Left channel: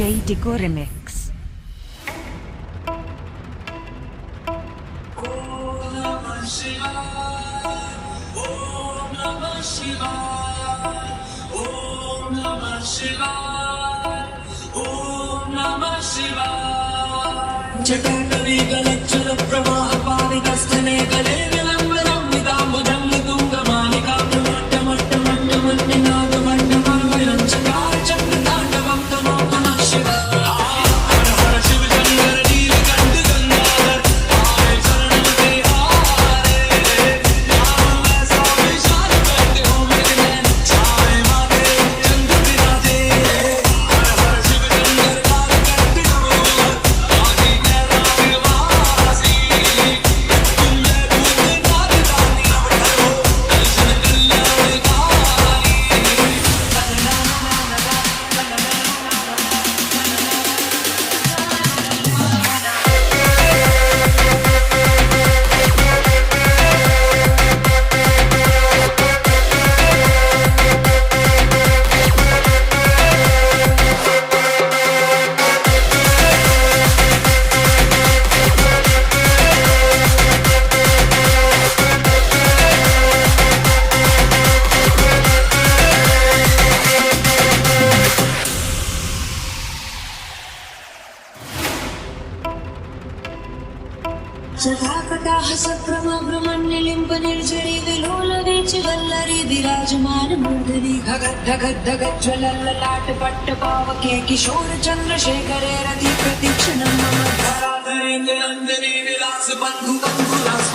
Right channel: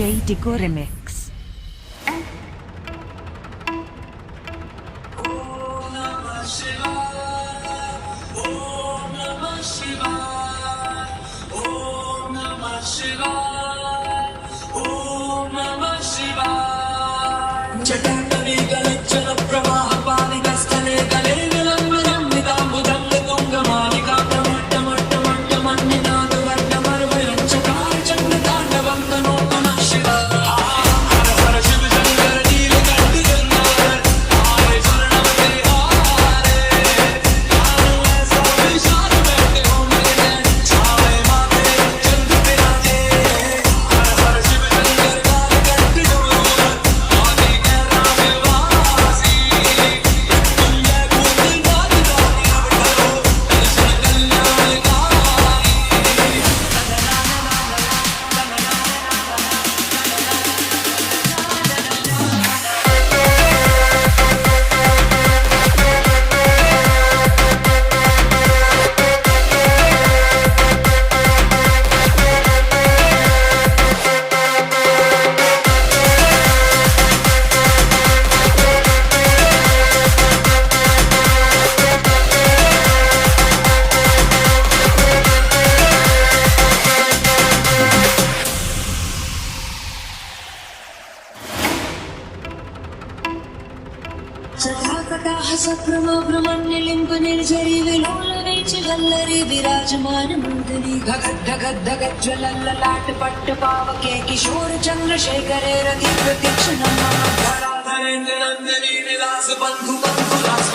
DJ Digo Remix. Om Namah Shivaya. Om Namah Shivaya. Om Namah Shivaya. Om Namah Shivaya. Jatavi galachala pravaha pavita sthale gale vilambanam vidambudang tunga malika pramatta matta matta manninadu vanda marvayam chakar chandra tandavam tanokana Shivaya. जटाकटाहस भ्रमभ्रमण्यलिम्ब निर्झरी विलोल which Vallari विराजमान मूर्धनि धगत धगत धगत ज्वलल्ललाट पट्ट पावके किशोर चंद्रशेखरे रति प्रतीक्षणं मम धराधरेन्द्र नंदिनी विलास बंधु बंधु रास